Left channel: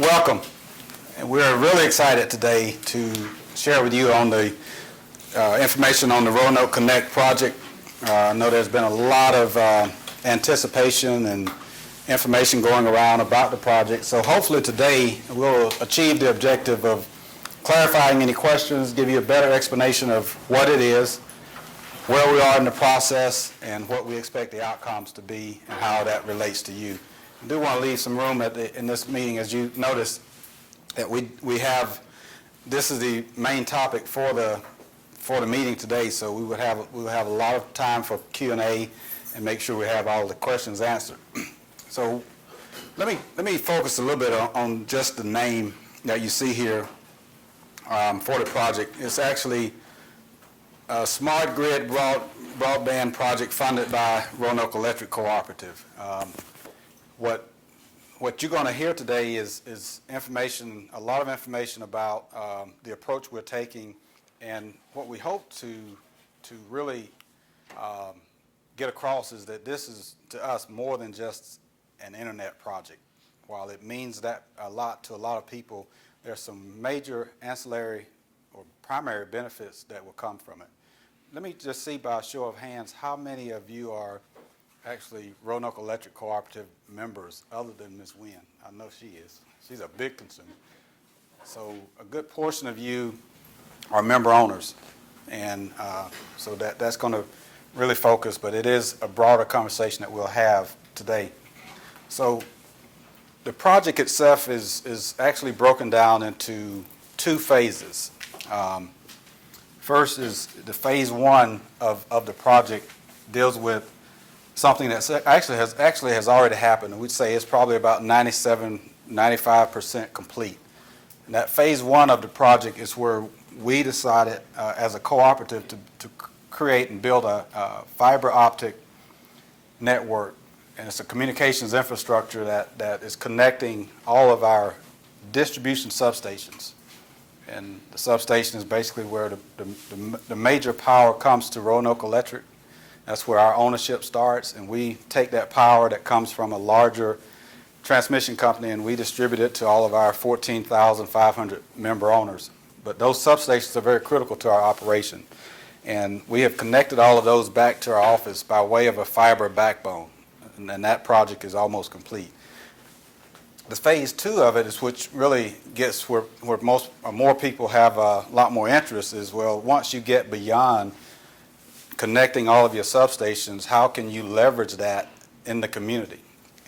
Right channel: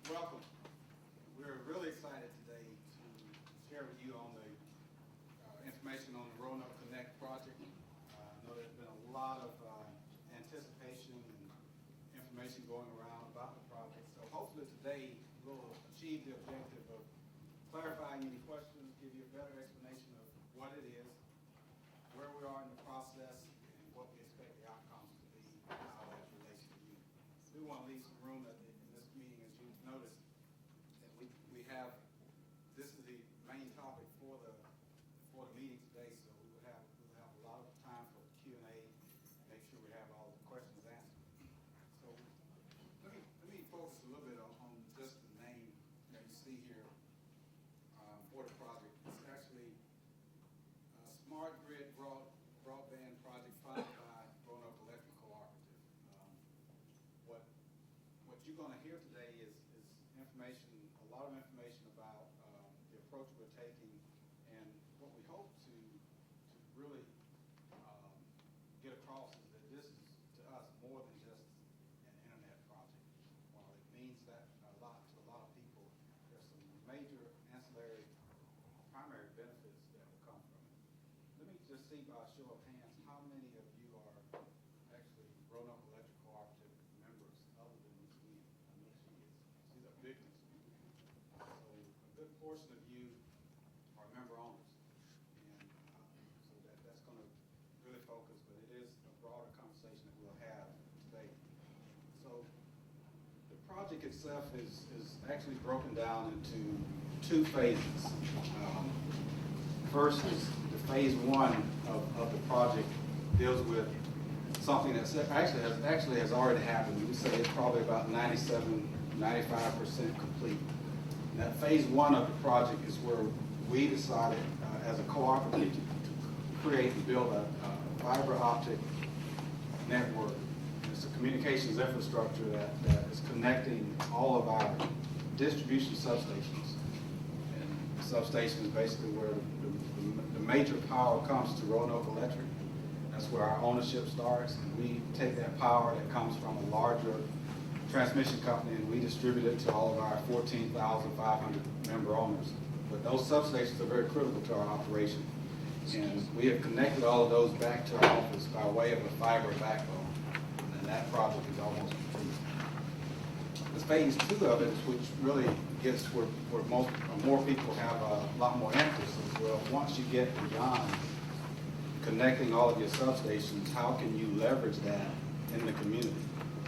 Welcome. And we're really excited today to share with you on the information on the Roanoke Connect project. I know there's been a lot of anticipation and information going around about the project. So hopefully today we'll achieve the objective of clarifying any questions, give you a better explanation of what it is, where we are in the process, and what we expect the outcomes to be and how that relates to you. I do want to leave some room in this meeting, as you notice, that we have, this is the main topic for the meeting today, so we will have a lot of time for Q&A and make sure we have all the questions answered. So let me focus a little bit on just the name that you see here for the project. It's actually a smart grid broadband project funded by Roanoke Electric Cooperative. What you're going to hear today is information, a lot of information about the approach we're taking, and what we hope to really get across is that this is, to us, more than just an internet project. While it means that a lot to a lot of people, there's some major ancillary or primary benefits that will come from it. Let me just see by a show of hands how many of you are actually Roanoke Electric Cooperative members other than Ms. Wynn. I know she is. She's a big consumer. So a good portion of you are member owners, and so that's going to really focus, but it is a broader conversation that we'll have today. So the project itself is actually broken down into two phases. First is the phase one of the project deals with something that actually has already happened. We'd say it's probably about 95% complete. And that phase one of the project is where we decided as a cooperative to create and build a fiber optic network. And it's a communications infrastructure that is connecting all of our distribution substations. And the substation is basically where the major power comes to Roanoke Electric. That's where our ownership starts, and we take that power that comes from a larger transmission company and we distribute it to all of our 14,500 member owners. But those substations are very critical to our operation. And we have connected all of those back to our office by way of a fiber backbone. And then that project is almost complete. The phase two of it is which really gets where more people have a lot more interest is, well, once you get beyond connecting all of your substations, how can you leverage that in the community?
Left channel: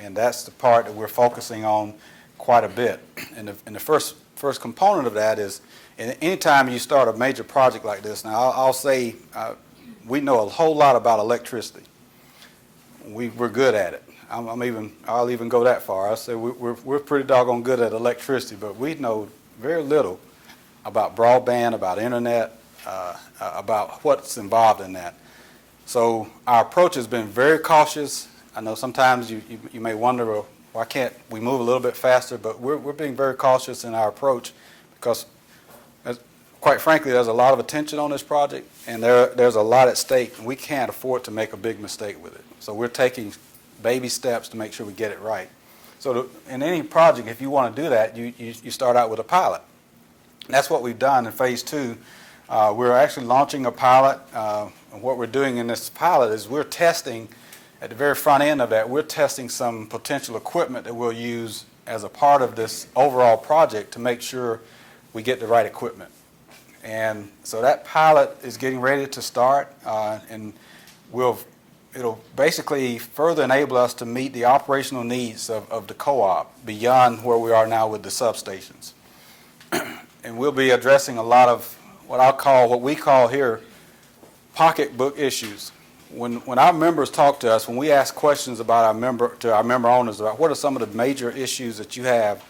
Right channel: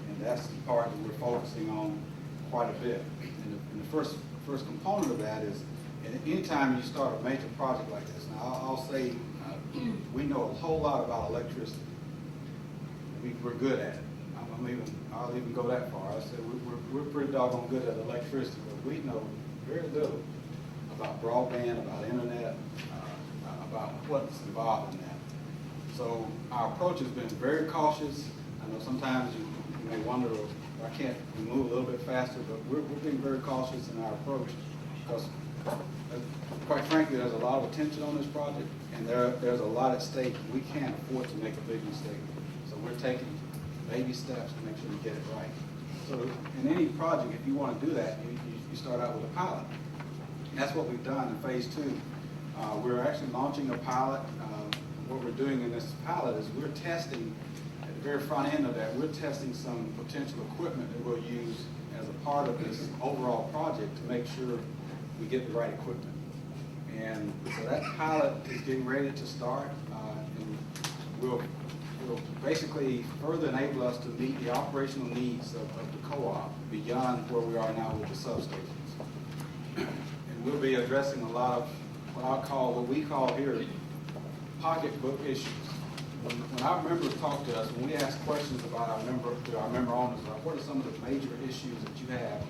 And that's the part that we're focusing on quite a bit. And the first component of that is, anytime you start a major project like this, now I'll say we know a whole lot about electricity. We're good at it. I'll even go that far. I say we're pretty doggone good at electricity, but we know very little about broadband, about internet, about what's involved in that. So our approach has been very cautious. I know sometimes you may wonder, well, why can't we move a little bit faster? But we're being very cautious in our approach because, quite frankly, there's a lot of attention on this project, and there's a lot at stake, and we can't afford to make a big mistake with it. So we're taking baby steps to make sure we get it right. So in any project, if you want to do that, you start out with a pilot. And that's what we've done in phase two. We're actually launching a pilot. What we're doing in this pilot is we're testing, at the very front end of that, we're testing some potential equipment that we'll use as a part of this overall project to make sure we get the right equipment. And so that pilot is getting ready to start, and it'll basically further enable us to meet the operational needs of the co-op beyond where we are now with the substations. And we'll be addressing a lot of what we call here pocketbook issues. When our members talk to us, when we ask questions about our member owners about what are some of the major issues that you have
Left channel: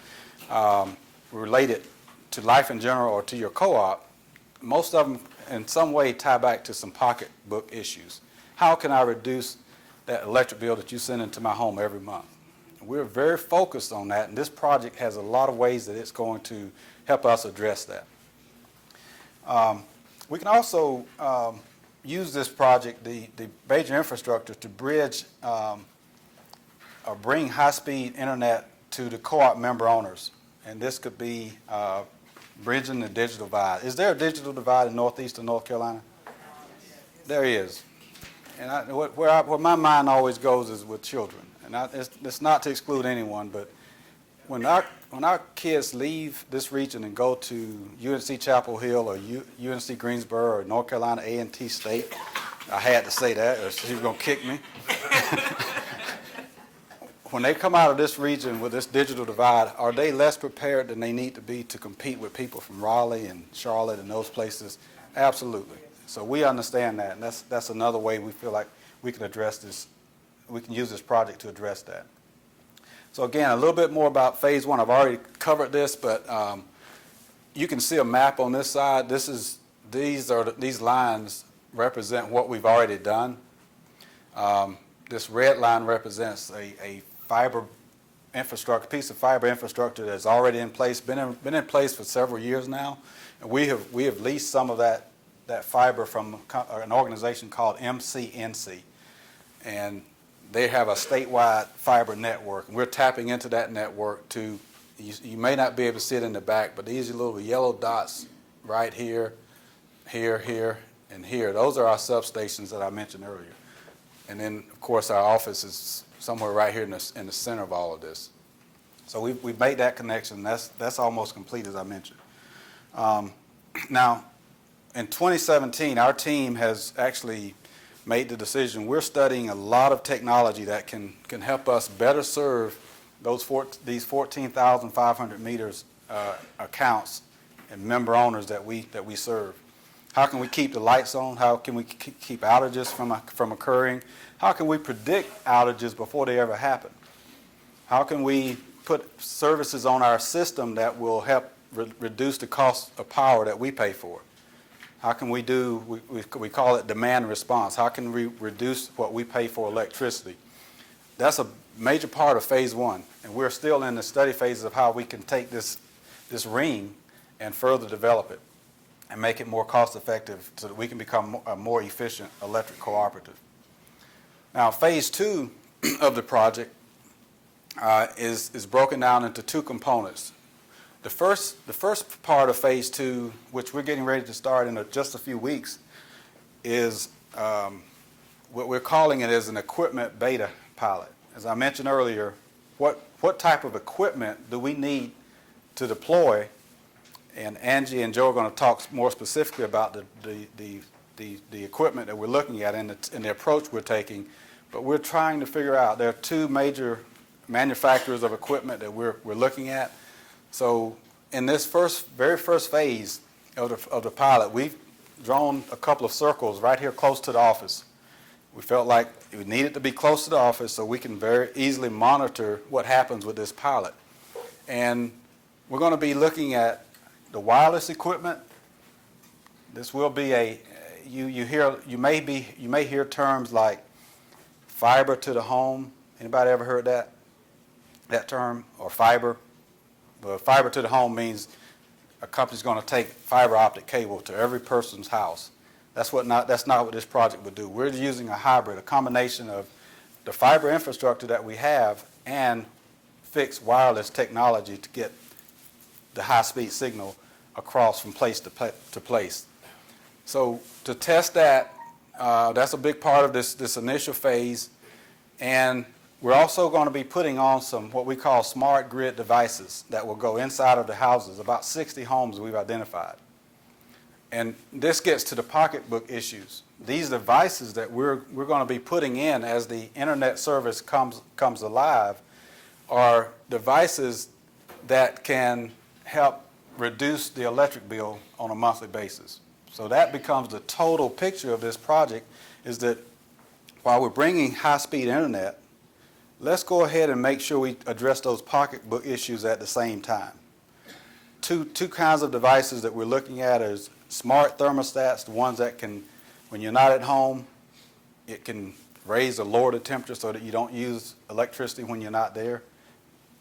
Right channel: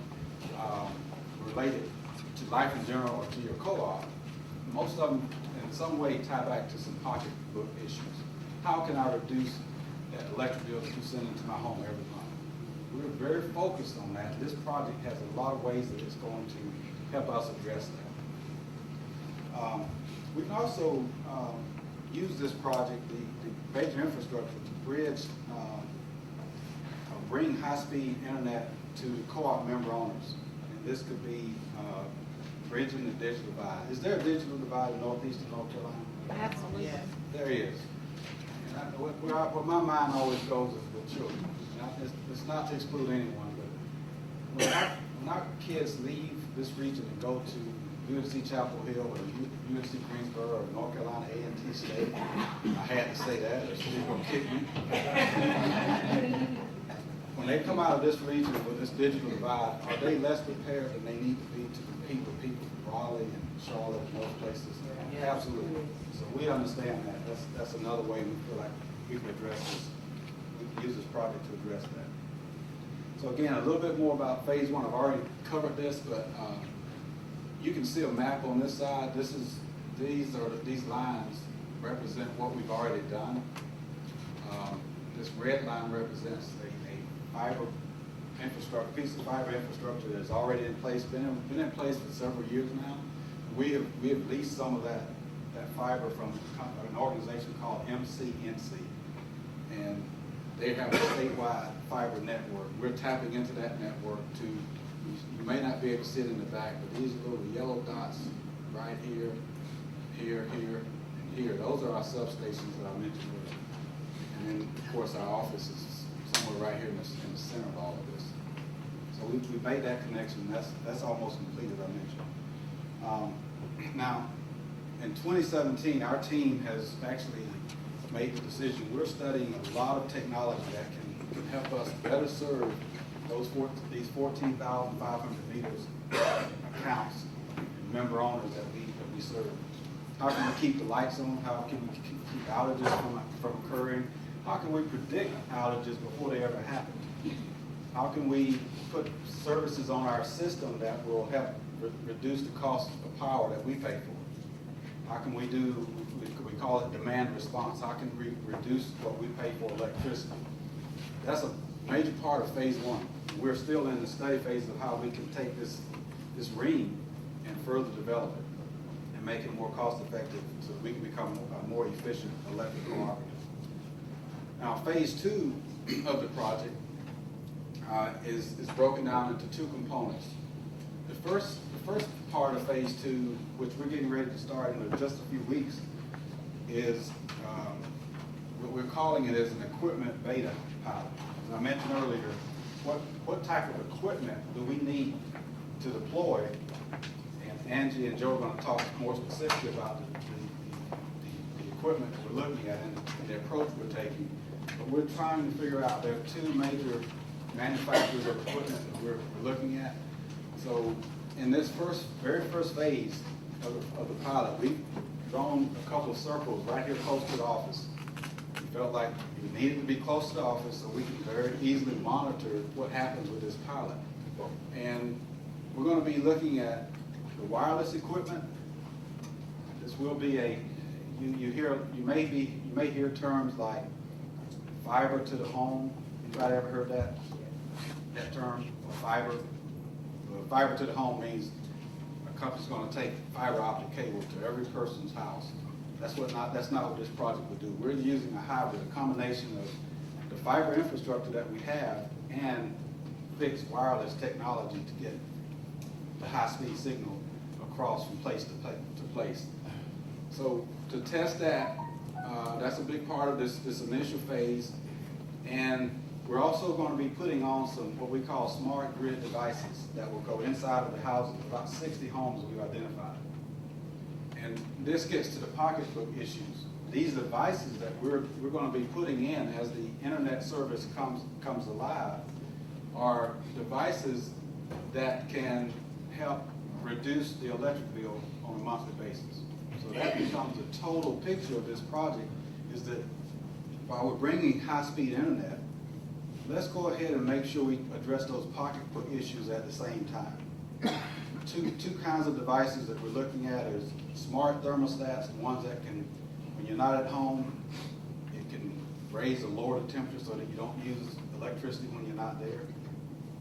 related to life in general or to your co-op, most of them in some way tie back to some pocketbook issues. How can I reduce that electric bill that you send into my home every month? We're very focused on that, and this project has a lot of ways that it's going to help us address that. We can also use this project, the major infrastructure, to bridge or bring high-speed internet to the co-op member owners. and this could be bridging the digital divide. Is there a digital divide in northeastern North Carolina? Absolutely. There is. And where my mind always goes is with children. And it's not to exclude anyone, but when our kids leave this region and go to UNC Chapel Hill or UNC Greensboro or North Carolina A&T State, I had to say that or he was going to kick me. When they come out of this region with this digital divide, are they less prepared than they need to be to compete with people from Raleigh and Charlotte and those places? Absolutely. So we understand that, and that's another way we feel like we can address this. We can use this project to address that. So again, a little bit more about phase one. I've already covered this, but you can see a map on this side. These lines represent what we've already done. This red line represents a fiber infrastructure, piece of fiber infrastructure that's already in place, been in place for several years now. And we have leased some of that fiber from an organization called MCNC, and they have a statewide fiber network. We're tapping into that network to, you may not be able to see it in the back, but these little yellow dots right here, here, here, and here, those are our substations that I mentioned earlier. And then, of course, our office is somewhere right here in the center of all of this. So we made that connection. That's almost complete, as I mentioned. Now, in 2017, our team has actually made the decision. We're studying a lot of technology that can help us better serve these 14,500 meters accounts and member owners that we serve. How can we keep the lights on? How can we keep outages from occurring? How can we predict outages before they ever happen? How can we put services on our system that will help reduce the cost of power that we pay for? How can we we call it demand response. How can we reduce what we pay for electricity? That's a major part of phase one. And we're still in the study phase of how we can take this ring and further develop it and make it more cost effective so that we can become a more efficient electric cooperative. Now, phase two of the project is broken down into two components. The first part of phase two, which we're getting ready to start in just a few weeks, is what we're calling it is an equipment beta pilot. As I mentioned earlier, what type of equipment do we need to deploy? And Angie and Joe are going to talk more specifically about the equipment that we're looking at and the approach we're taking. But we're trying to figure out, there are two major manufacturers of equipment that we're looking at. So in this very first phase of the pilot, we've drawn a couple of circles right here close to the office. We felt like it needed to be close to the office so we can very easily monitor what happens with this pilot. And we're going to be looking at the wireless equipment. This will be you may hear terms like fiber to the home. Anybody ever heard that term, or fiber? Well, fiber to the home means a company's going to take fiber optic cable to every person's house. That's not what this project would do. We're using a hybrid, a combination of the fiber infrastructure that we have and fixed wireless technology to get the high-speed signal across from place to place. So to test that, that's a big part of this initial phase. And we're also going to be putting on some what we call smart grid devices that will go inside of the houses, about 60 homes we've identified. And this gets to the pocketbook issues. These devices that we're going to be putting in as the internet service comes alive are devices that can help reduce the electric bill on a monthly basis. So that becomes the total picture of this project, is that while we're bringing high-speed internet, let's go ahead and make sure we address those pocketbook issues at the same time. Two kinds of devices that we're looking at is smart thermostats, the ones that can, when you're not at home, it can raise or lower the temperature so that you don't use electricity when you're not there.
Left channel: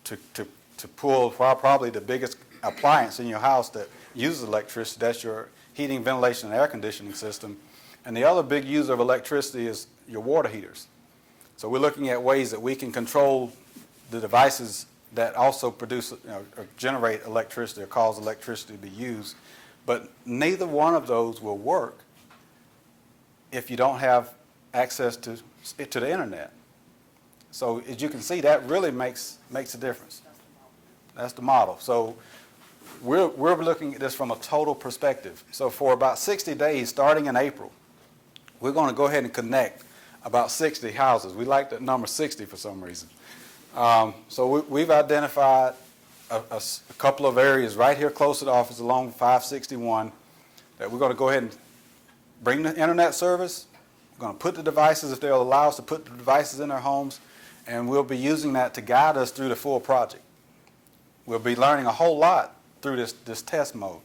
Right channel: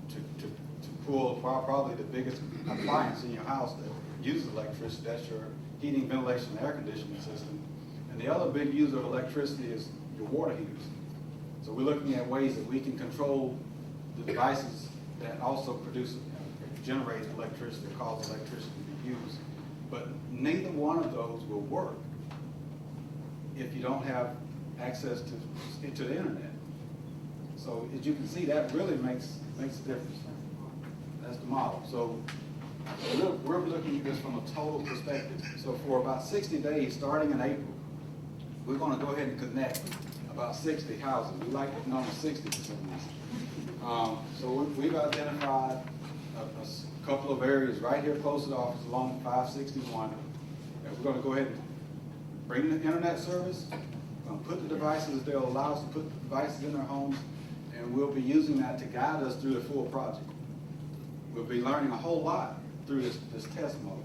To pull probably the biggest appliance in your house that uses electricity, that's your heating, ventilation, and air conditioning system. And the other big user of electricity is your water heaters. So we're looking at ways that we can control the devices that also produce, or generate electricity or cause electricity to be used. But neither one of those will work if you don't have access to the internet. So as you can see, that really makes a difference. That's the model. So we're looking at this from a total perspective. So for about 60 days, starting in April, we're going to go ahead and connect about 60 houses. We like the number 60 for some reason. So we've identified a couple of areas right here close to the office along 561 that we're going to go ahead and bring the internet service. We're going to put the devices, if they'll allow us to put the devices in their homes, and we'll be using that to guide us through the full project. We'll be learning a whole lot through this test mode.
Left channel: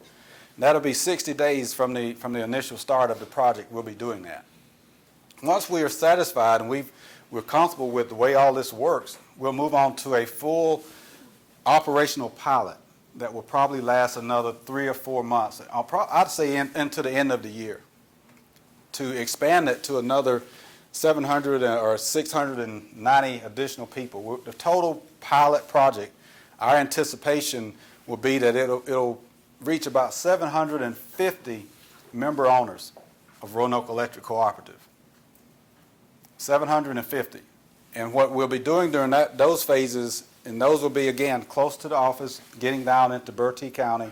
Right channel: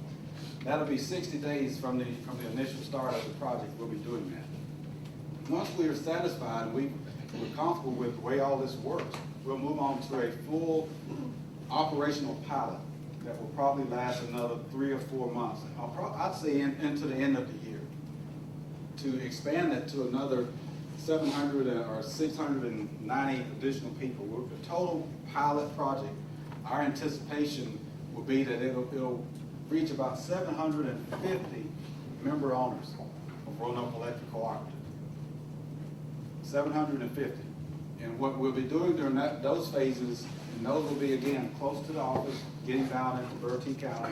That'll be 60 days from the initial start of the project. We'll be doing that. Once we are satisfied and we're comfortable with the way all this works, we'll move on to a full operational pilot that will probably last another 3 or 4 months. I'd say into the end of the year, to expand it to another 700 or 690 additional people. The total pilot project, our anticipation will be that it'll reach about 750 member owners of Roanoke Electric Cooperative. 750. And what we'll be doing during those phases, and those will be, again, close to the office, getting down into Bertie County.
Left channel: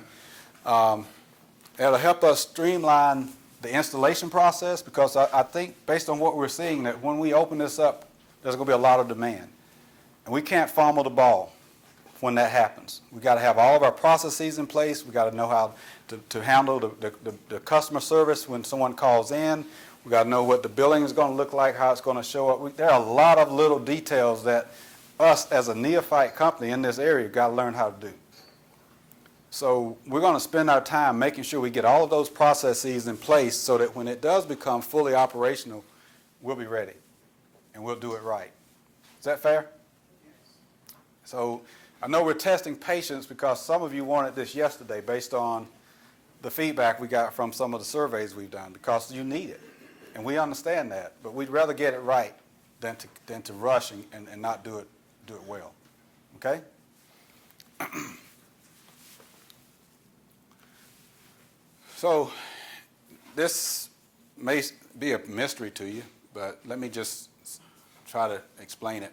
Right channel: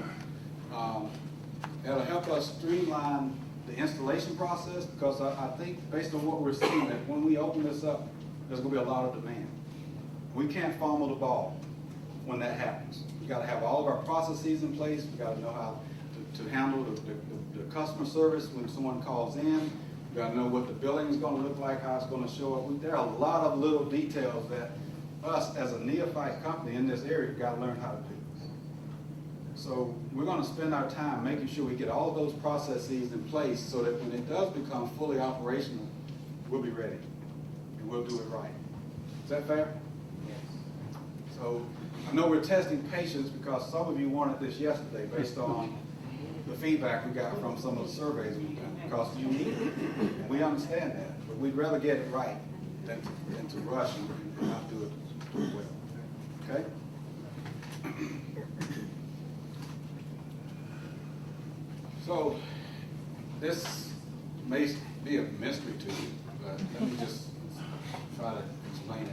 It'll help us streamline the installation process, because I think, based on what we're seeing, that when we open this up, there's going to be a lot of demand. And we can't fumble the ball when that happens. We've got to have all of our processes in place. We've got to know how to handle the customer service when someone calls in. We've got to know what the billing is going to look like, how it's going to show up. There are a lot of little details that us as a neophyte company in this area got to learn how to do. So we're going to spend our time making sure we get all of those processes in place so that when it does become fully operational, we'll be ready and we'll do it right. Is that fair? So I know we're testing patience because some of you wanted this yesterday based on the feedback we got from some of the surveys we've done, because you need it, and we understand that, but we'd rather get it right than to rush and not do it well. Okay? So this may be a mystery to you, but let me just try to explain it.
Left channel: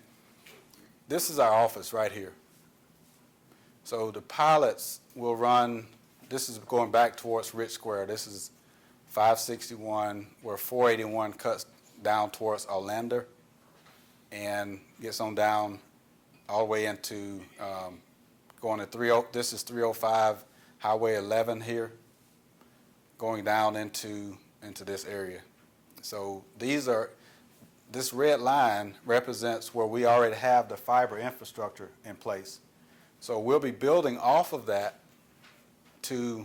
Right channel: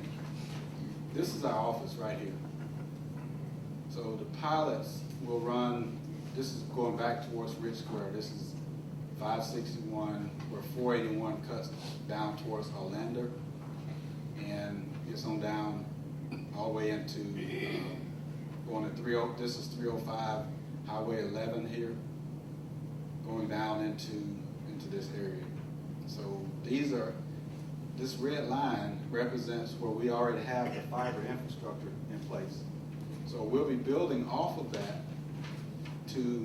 This is our office right here. So the pilots will run, this is going back towards Rich Square. This is 561, where 481 cuts down towards Orlando and gets on down all the way into going to this is 305 Highway 11 here, going down into this area. So this red line represents where we already have the fiber infrastructure in place. So we'll be building off of that to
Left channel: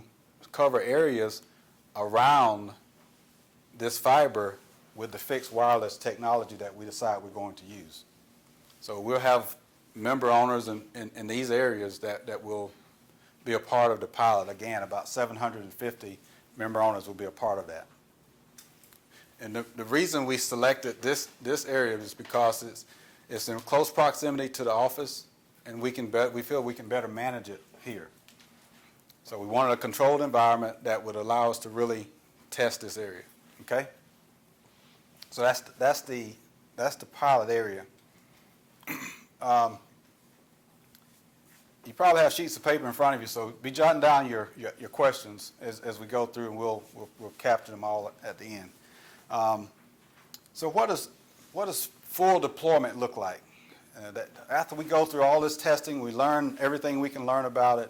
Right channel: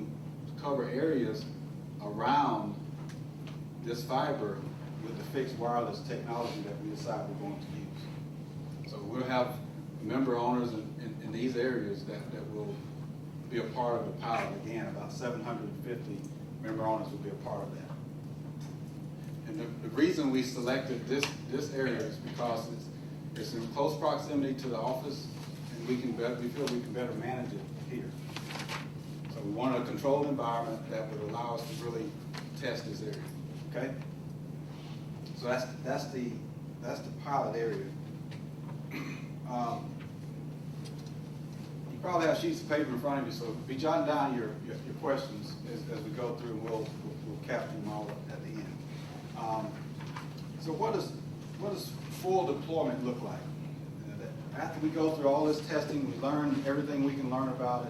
cover areas around this fiber with the fixed wireless technology that we decide we're going to use. So we'll have member owners in these areas that will be a part of the pilot. Again, about 750 member owners will be a part of that. And the reason we selected this area is because it's in close proximity to the office, and we feel we can better manage it here. So we wanted a controlled environment that would allow us to really test this area. Okay? So that's the pilot area. You probably have sheets of paper in front of you, so be jotting down your questions as we go through, and we'll capture them all at the end. So what does full deployment look like? After we go through all this testing, we learn everything we can learn about it.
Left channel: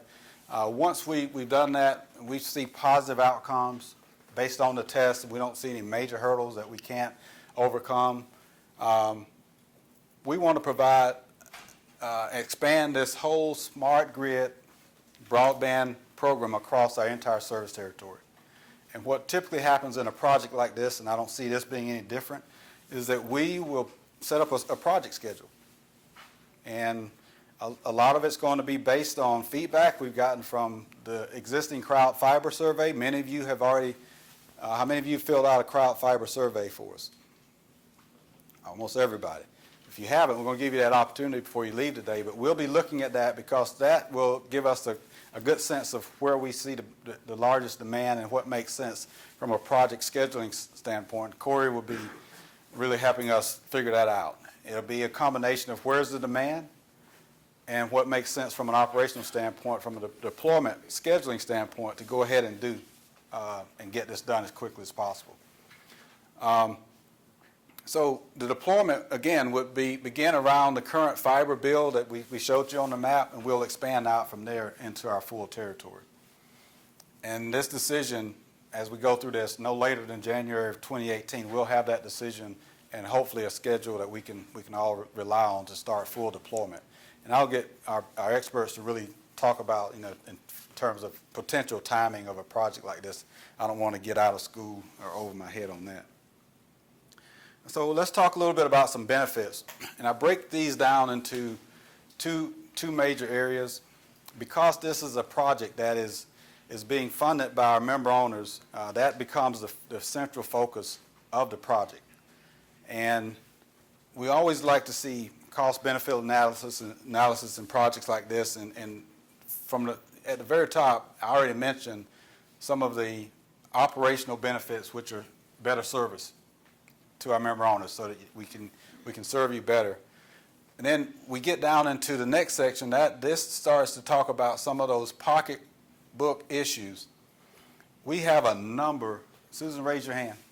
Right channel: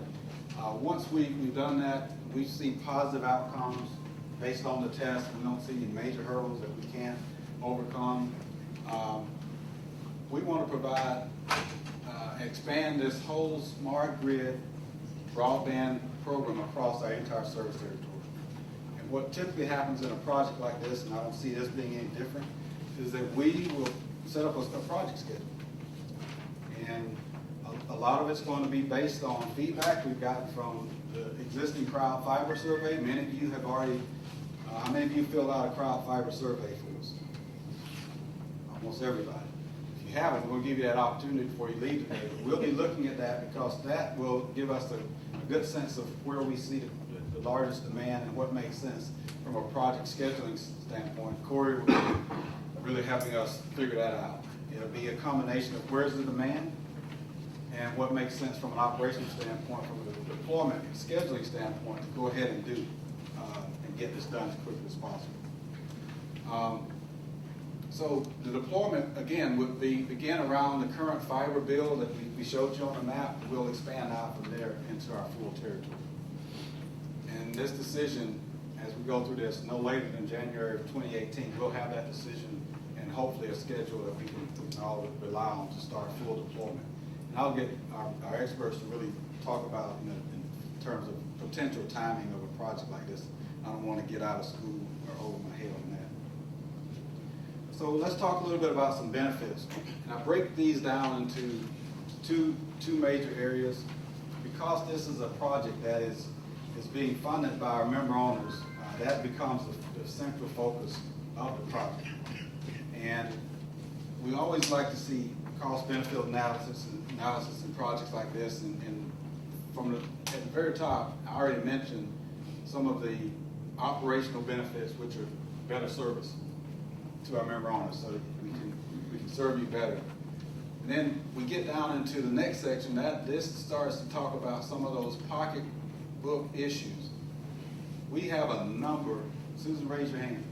Once we've done that, we see positive outcomes based on the test. We don't see any major hurdles that we can't overcome. We want to provide, expand this whole smart grid broadband program across our entire service territory. And what typically happens in a project like this, and I don't see this being any different, is that we will set up a project schedule. And a lot of it's going to be based on feedback we've gotten from the existing crowd fiber survey. Many of you have already, how many of you filled out a crowd fiber survey for us? Almost everybody. If you haven't, we're going to give you that opportunity before you leave today, but we'll be looking at that because that will give us a good sense of where we see the largest demand and what makes sense from a project scheduling standpoint. Corey will be really helping us figure that out. It'll be a combination of where's the demand and what makes sense from an operational standpoint, from a deployment scheduling standpoint, to go ahead and do and get this done as quickly as possible. So the deployment, again, would begin around the current fiber build that we showed you on the map, and we'll expand out from there into our full territory. And this decision, as we go through this, no later than January of 2018, we'll have that decision and hopefully a schedule that we can all rely on to start full deployment. And I'll get our experts to really talk about, in terms of potential timing of a project like this. I don't want to get out of school or over my head on that. So let's talk a little bit about some benefits. And I break these down into two major areas. Because this is a project that is being funded by our member owners, that becomes the central focus of the project. And we always like to see cost-benefit analysis in projects like this. And at the very top, I already mentioned some of the operational benefits, which are better service to our member owners, so that we can serve you better. And then we get down into the next section. This starts to talk about some of those pocketbook issues. We have a number. Susan, raise your hand.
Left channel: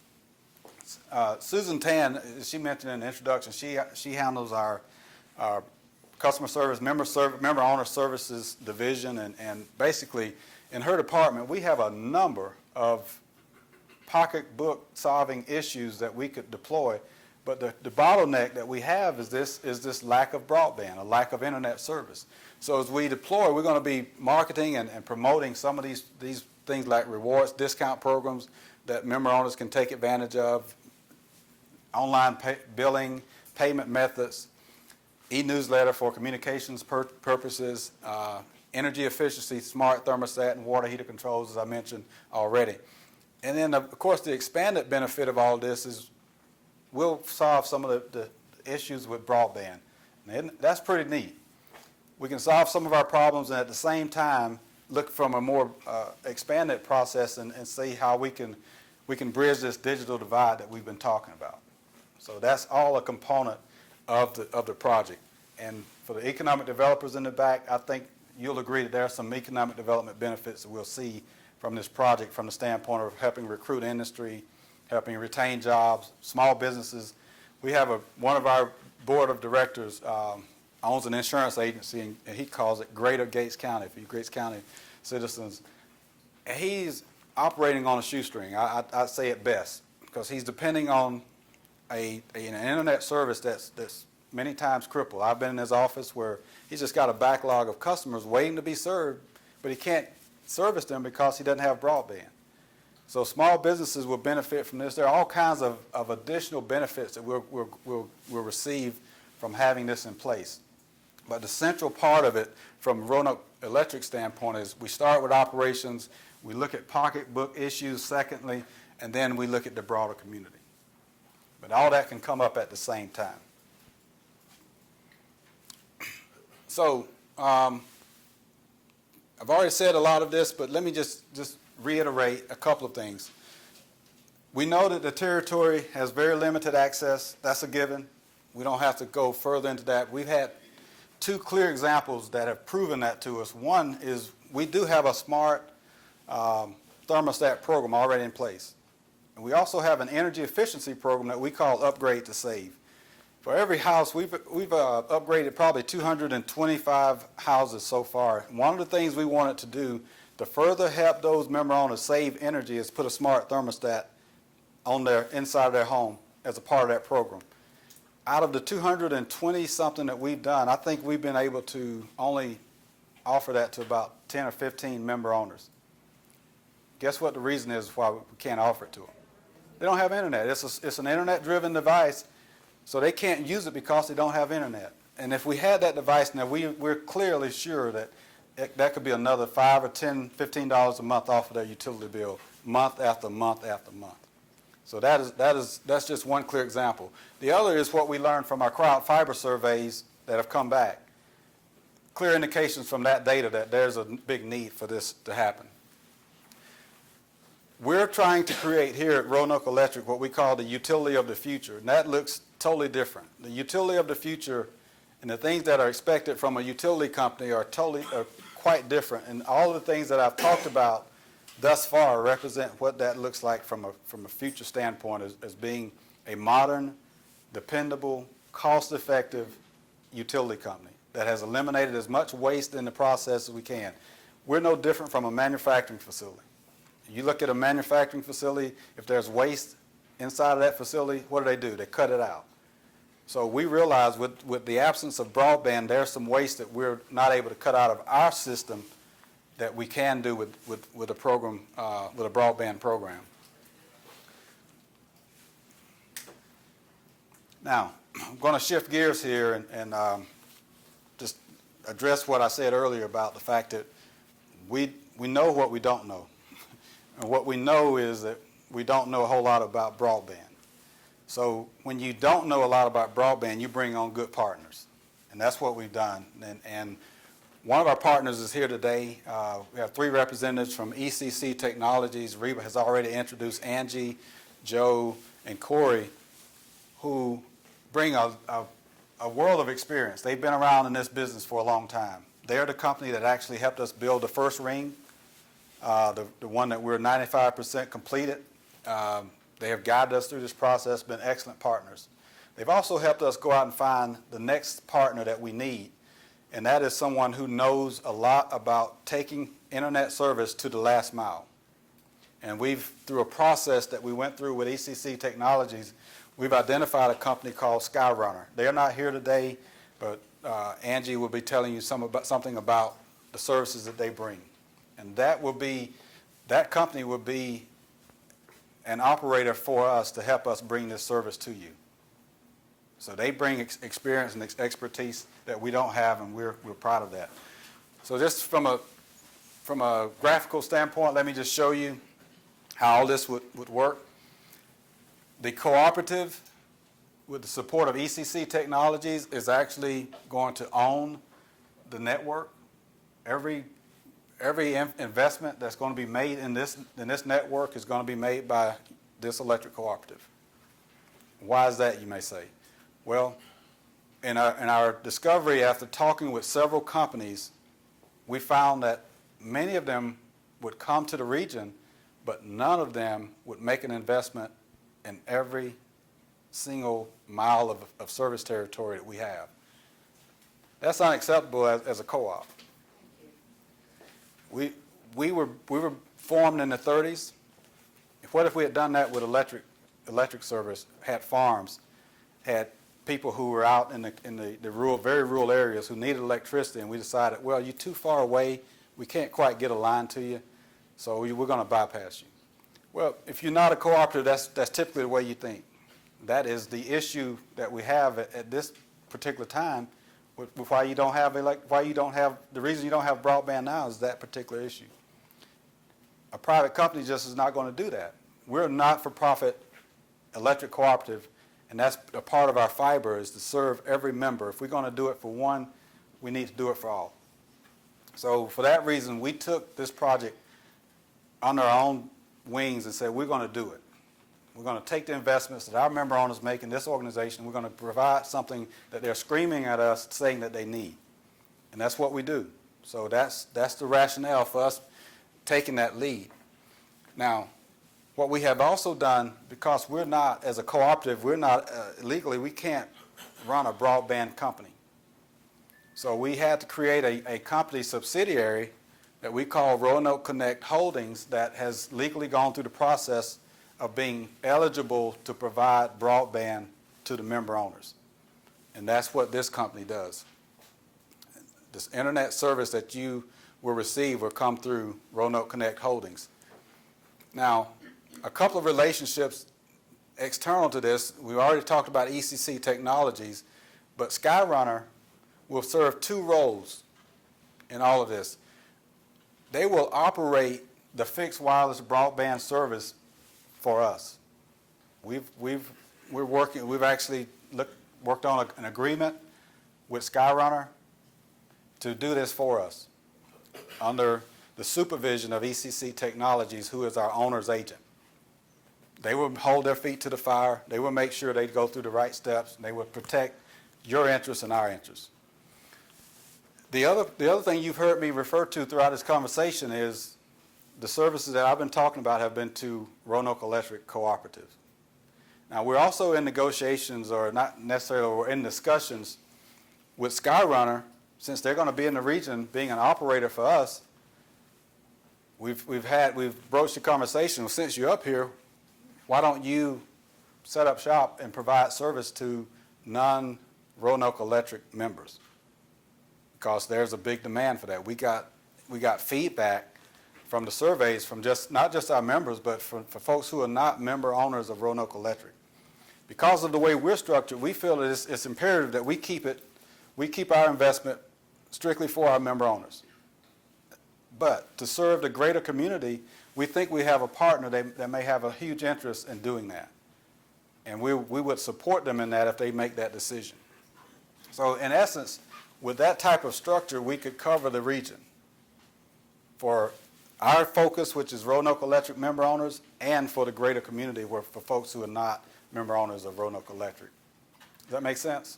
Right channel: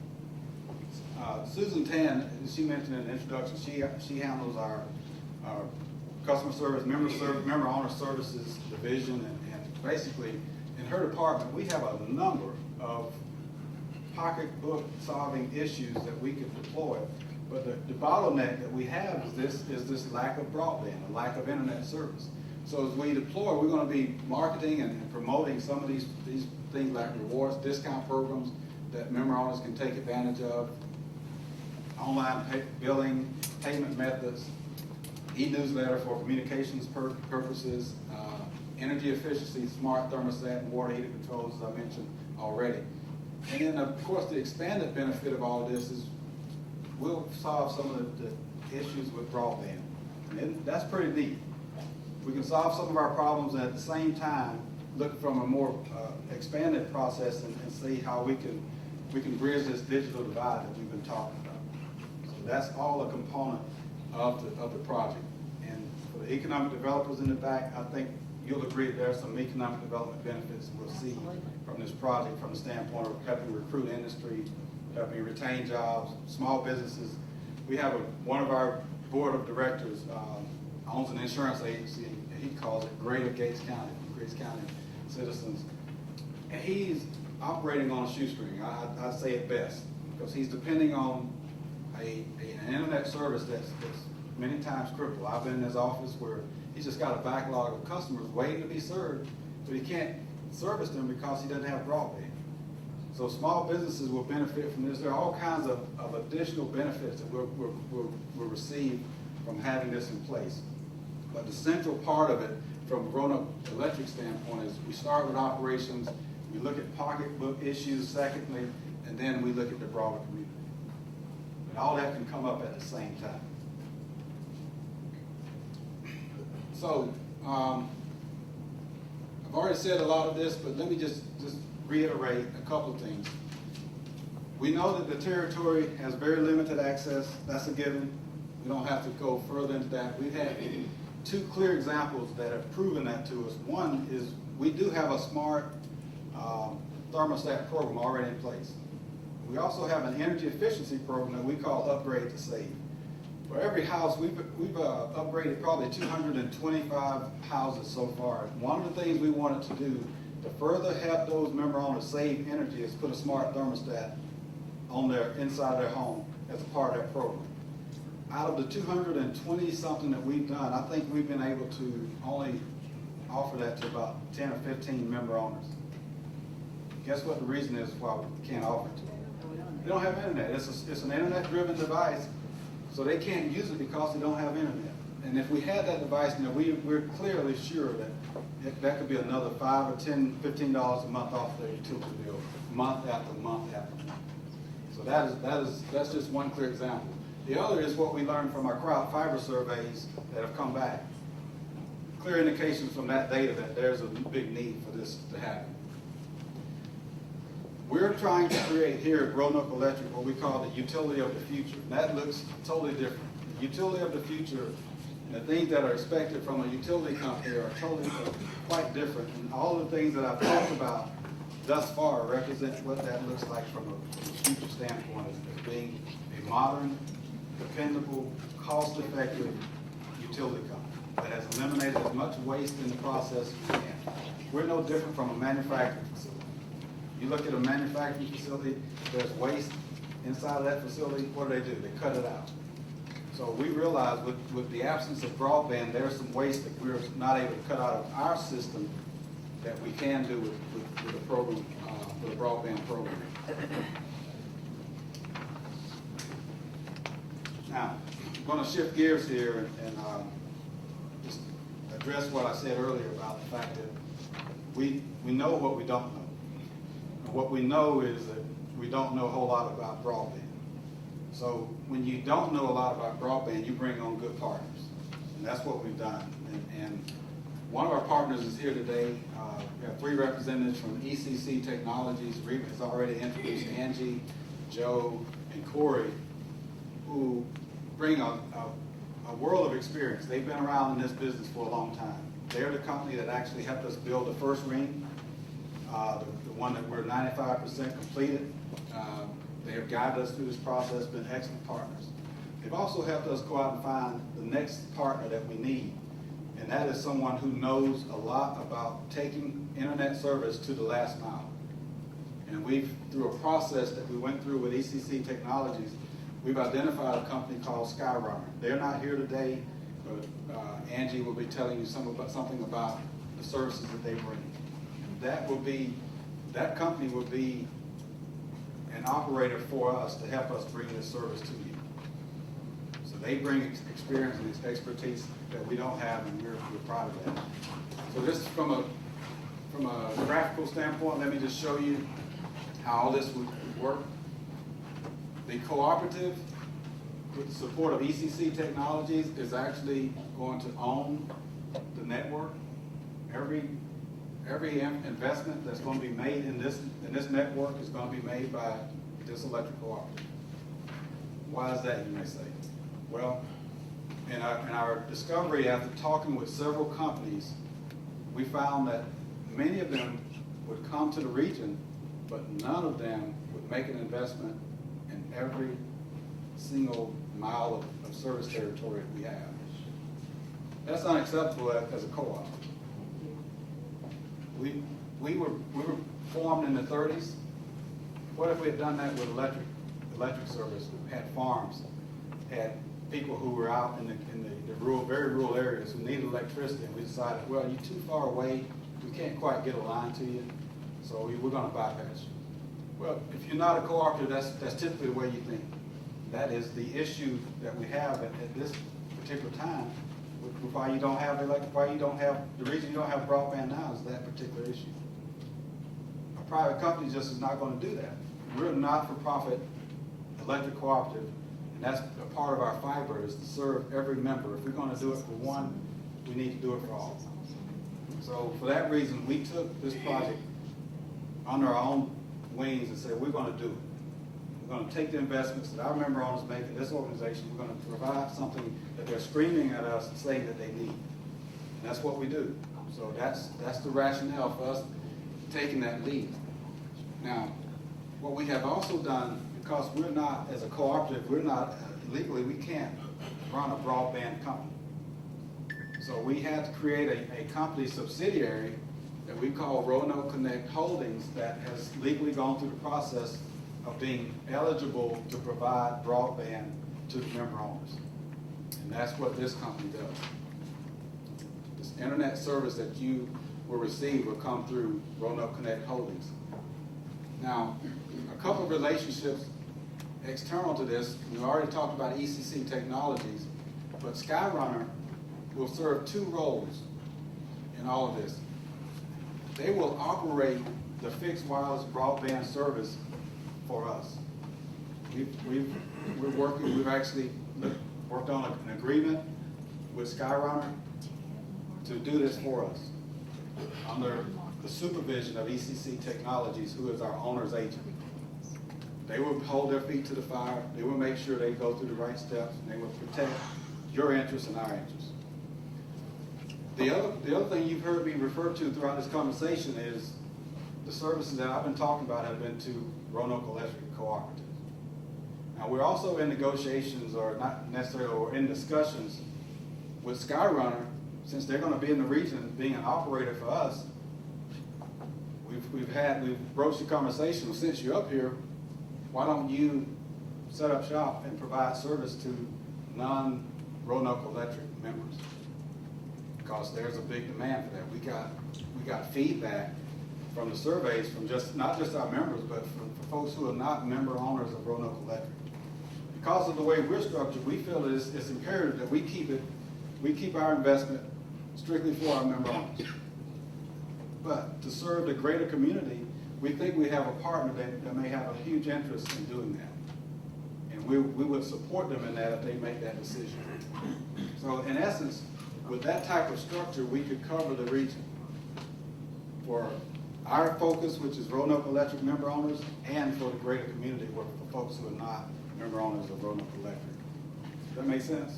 Susan Tan, as she mentioned in the introduction, she handles our customer service, member owner services division, and basically in her department we have a number of pocketbook solving issues that we could deploy. But the bottleneck that we have is this lack of broadband, a lack of internet service. So as we deploy, we're going to be marketing and promoting some of these things like rewards, discount programs that member owners can take advantage of, online billing, payment methods, e-newsletter for communications purposes, energy efficiency, smart thermostat, and water heater controls, as I mentioned already. And then, of course, the expanded benefit of all this is we'll solve some of the issues with broadband. And that's pretty neat. We can solve some of our problems and at the same time look from a more expanded process and see how we can bridge this digital divide that we've been talking about. So that's all a component of the project. And for the economic developers in the back, I think you'll agree that there are some economic development benefits that we'll see from this project from the standpoint of helping recruit industry, helping retain jobs, small businesses. We have one of our board of directors owns an insurance agency, and he calls it Greater Gates County, Gates County citizens. And he's operating on a shoestring, I'd say it best, because he's depending on an internet service that's many times crippled. I've been in his office where he's just got a backlog of customers waiting to be served, but he can't service them because he doesn't have broadband. So small businesses will benefit from this. There are all kinds of additional benefits that we'll receive from having this in place. But the central part of it from Roanoke Electric standpoint is we start with operations, we look at pocketbook issues secondly, and then we look at the broader community. But all that can come up at the same time. So I've already said a lot of this, but let me just reiterate a couple of things. We know that the territory has very limited access. That's a given. We don't have to go further into that. We've had two clear examples that have proven that to us. One is we do have a smart thermostat program already in place. And we also have an energy efficiency program that we call Upgrade to Save. For every house, we've upgraded probably 225 houses so far. And one of the things we wanted to do to further help those member owners save energy is put a smart thermostat on inside their home as a part of that program. Out of the 220 something that we've done, I think we've been able to only offer that to about 10 or 15 member owners. Guess what the reason is why we can't offer it to them? They don't have internet. It's an internet-driven device, so they can't use it because they don't have internet. And if we had that device now, we're clearly sure that that could be another $5 or $10, $15 a month off of their utility bill, month after month after month. So that's just one clear example. The other is what we learned from our crowd fiber surveys that have come back. Clear indications from that data that there's a big need for this to happen. We're trying to create here at Roanoke Electric what we call the utility of the future, and that looks totally different. The utility of the future and the things that are expected from a utility company are quite different, and all the things that I've talked about thus far represent what that looks like from a future standpoint as being a modern, dependable, cost-effective utility company that has eliminated as much waste in the process as we can. We're no different from a manufacturing facility. You look at a manufacturing facility, if there's waste inside of that facility, what do? They cut it out. So we realize with the absence of broadband, there's some waste that we're not able to cut out of our system that we can do with a program, with a broadband program. Now, I'm going to shift gears here and just address what I said earlier about the fact that we know what we don't know. And what we know is that we don't know a whole lot about broadband. So when you don't know a lot about broadband, you bring on good partners. And that's what we've done. And one of our partners is here today. We have 3 representatives from ECC Technologies. Reba has already introduced Angie, Joe, and Corey, who bring a world of experience. They've been around in this business for a long time. They're the company that actually helped us build the first ring, the one that we're 95% completed. They have guided us through this process, been excellent partners. They've also helped us go out and find the next partner that we need, and that is someone who knows a lot about taking internet service to the last mile. And through a process that we went through with ECC Technologies, we've identified a company called Skyrunner. They're not here today, but Angie will be telling you something about the services that they bring. And that company will be an operator for us to help us bring this service to you. So they bring experience and expertise that we don't have, and we're proud of that. So just from a graphical standpoint, let me just show you how all this would work. The cooperative, with the support of ECC Technologies, is actually going to own the network. Every investment that's going to be made in this network is going to be made by this electric cooperative. Why is that, you may say? Well, in our discovery, after talking with several companies, we found that many of them would come to the region, but none of them would make an investment in every single mile of service territory that we have. That's unacceptable as a co-op. We were formed in the 30s. What if we had done that with electric service, had farms, had people who were out in the very rural areas who needed electricity, and we decided, well, you're too far away, we can't quite get a line to you, so we're going to bypass you. Well, if you're not a cooperative, that's typically the way you think. That is the issue that we have at this particular time. The reason you don't have broadband now is that particular issue. A private company just is not going to do that. We're a not-for-profit electric cooperative, and that's a part of our fiber is to serve every member. If we're going to do it for one, we need to do it for all. So for that reason, we took this project under our own wings and said, we're going to do it. We're going to take the investments that our member owners make in this organization. We're going to provide something that they're screaming at us saying that they need. And that's what we do. So that's the rationale for us taking that lead. Now, what we have also done, because we're not, as a cooperative, we're not, legally, we can't run a broadband company. So we had to create a company subsidiary that we call Roanoke Connect Holdings that has legally gone through the process of being eligible to provide broadband to the member owners. And that's what this company does. This internet service that you will receive will come through Roanoke Connect Holdings. Now, a couple of relationships external to this, we've already talked about ECC Technologies, but Skyrunner will serve 2 roles in all of this. They will operate the fixed wireless broadband service for us. We've we've actually worked on an agreement with Skyrunner to do this for us under the supervision of ECC Technologies, who is our owner's agent. They will hold their feet to the fire. They will make sure they go through the right steps, and they will protect your interests and our interests. The other thing you've heard me refer to throughout this conversation is the services that I've been talking about have been to Roanoke Electric Cooperative. Now, we're also in negotiations, or not necessarily, we're in discussions with Skyrunner, since they're going to be in the region being an operator for us. We've broached the conversation, since you're up here, why don't you set up shop and provide service to non-Roanoke Electric members? Because there's a big demand for that. We got feedback from the surveys from not just our members, but for folks who are not member owners of Roanoke Electric. Because of the way we're structured, we feel that it's imperative that we keep our investment strictly for our member owners. But to serve the greater community, we think we have a partner that may have a huge interest in doing that. And we would support them in that if they make that decision. So in essence, with that type of structure, we could cover the region for our focus, which is Roanoke Electric member owners, and for the greater community, for folks who are not member owners of Roanoke Electric. Does that make sense?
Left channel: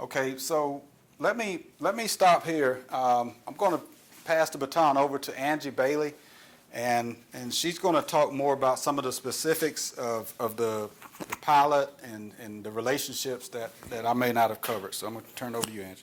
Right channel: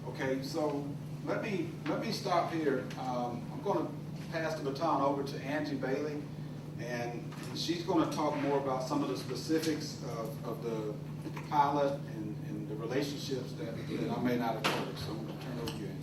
Okay, so let me stop here. I'm going to pass the baton over to Angie Bailey, and she's going to talk more about some of the specifics of the pilot and the relationships that I may not have covered. So I'm going to turn it over to you, Angie.